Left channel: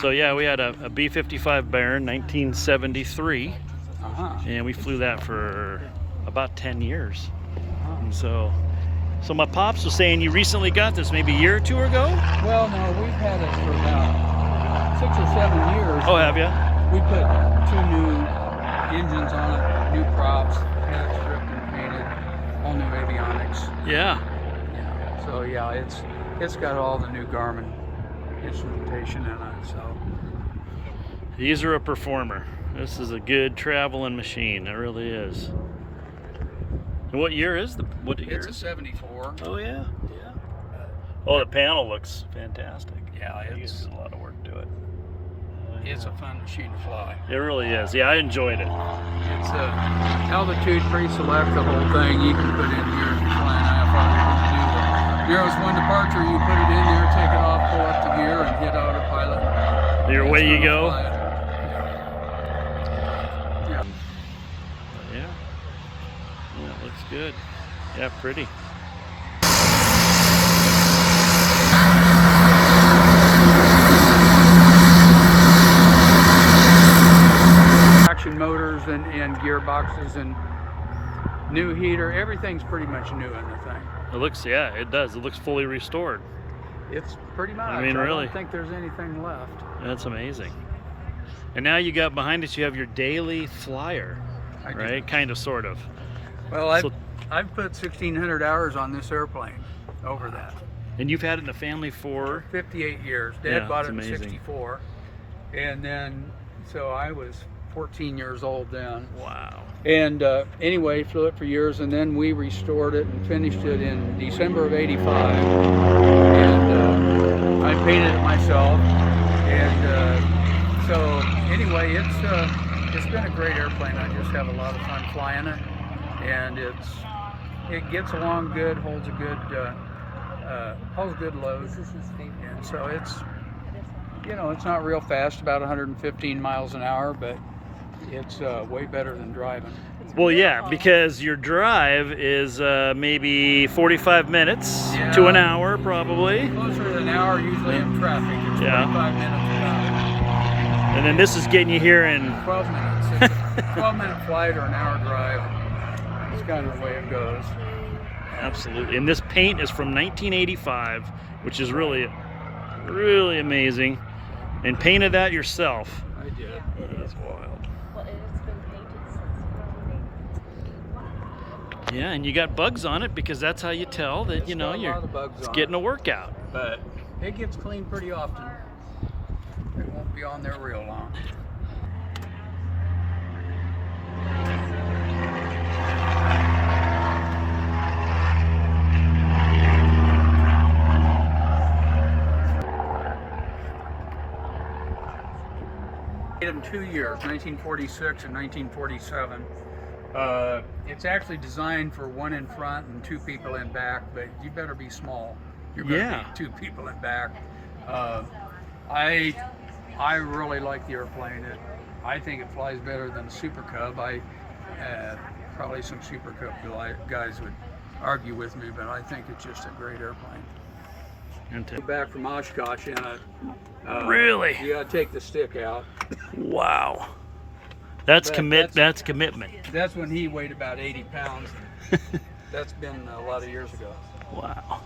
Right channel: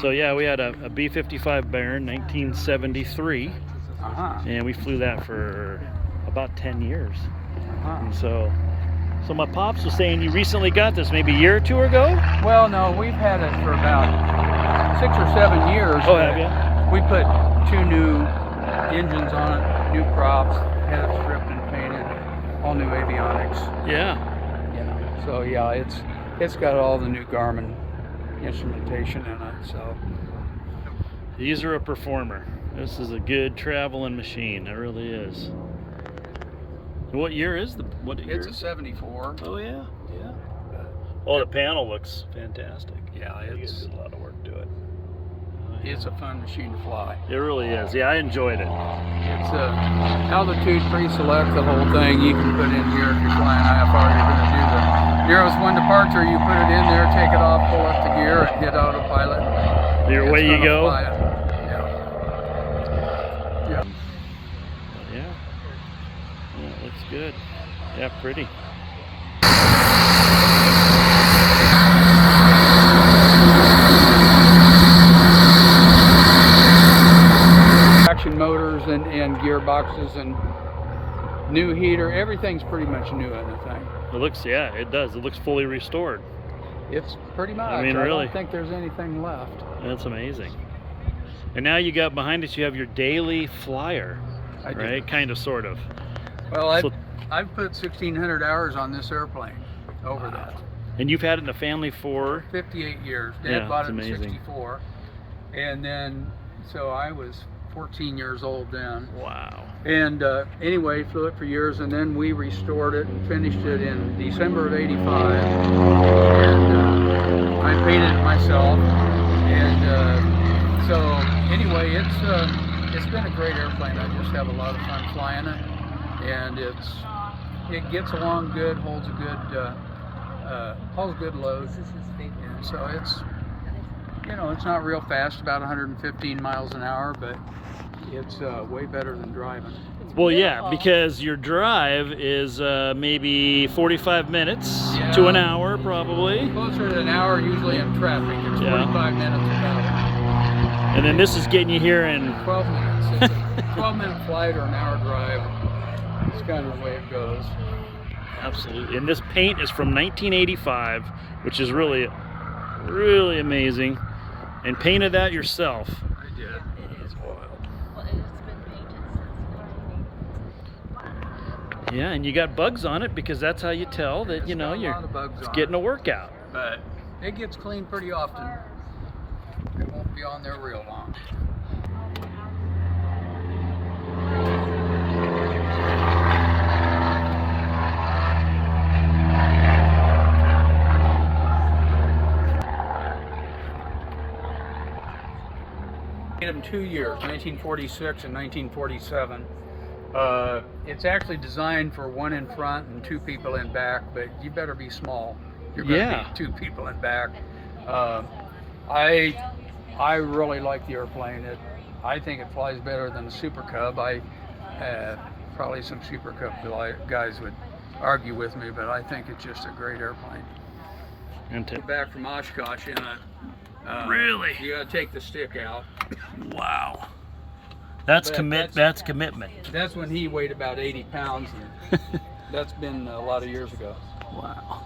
So yeah, we had a B55 Baron, 1973, and we flew that for about 10 years. And so my pops was saying you recently got this, maybe a year or two ago? Well, no, we've had it for about 6 or 7 years. Oh, have you? We put 2 new engines on it, new props, had it stripped and painted, all new avionics. Yeah. So yeah, it's got all the new Garmin instrumentation in it. So these are a performer. This is a good traveling machine. It really is. And what year is what year? It's a 74. Oh yeah, yeah. Oh, the panel looks fantastic. Yeah, you guys did a lot of work to it. It's a fun machine to fly. It really is. Yeah, I enjoyed it. It's a altitude pre-select, the whole thing. You can put in here if you're flying IFR. You're going to do the nearest one departure. You put it in there, take it off, pull up the gear, and hit autopilot. Your way you go. Yeah. But yeah, it looks good. Yeah, pretty. Motors and gearboxes and new heater, everything's pretty much new in the thing. It looks, yeah, it does. It looks fully restored. It's pretty much. I mean, really. I don't think there's anything left. That's amazing. And now you got behind us, you have your daily flyer, right? Kind of, sort of. Well, I've put 1,600 hours on this airplane over that. And you've had it in the family for 58 years. Dad bought it in amazing. 64, and then so I was 14 years old then. Wow. And anyway, flew it for years, and then we restored it and finished it in December of '85. And I painted it myself. And so anyway, it's been a great airplane. I just have a lot of fun flying it, and it gets along good, holds a good load. And so it's it's not real fast, about 115 miles an hour, but it's way better than driving. Well, yeah, because your drive is maybe 45 minutes to an hour, probably. Closer to an hour, usually in traffic. It's 45 minutes without it. And then this is getting you here in 12 minutes. It's a 12-minute flight or an hour drive. It's kind of the way it goes. Absolutely. And this paint is from 1985, which is really, really amazing. And painted that yourself. I did. That is wild. Yeah, and you got bugs on it because that's how you tell that it's getting a workout. But it gets cleaned pretty often. It won't be on there real long. In 2 years, 1946 and 1947. It's actually designed for 1 in front and 2 people in back, but you better be small. You're going to be 2 people in back. I really like the airplane. I think it flies better than a Super Cub. Probably some Super Cub guys would argue with me, but I think it's just a great airplane. And back from Oshkosh in a really? You gotta take the stick out. Wow. That's commitment. That's when he weighed about 80 pounds. And that's been a lot of years ago. Wow.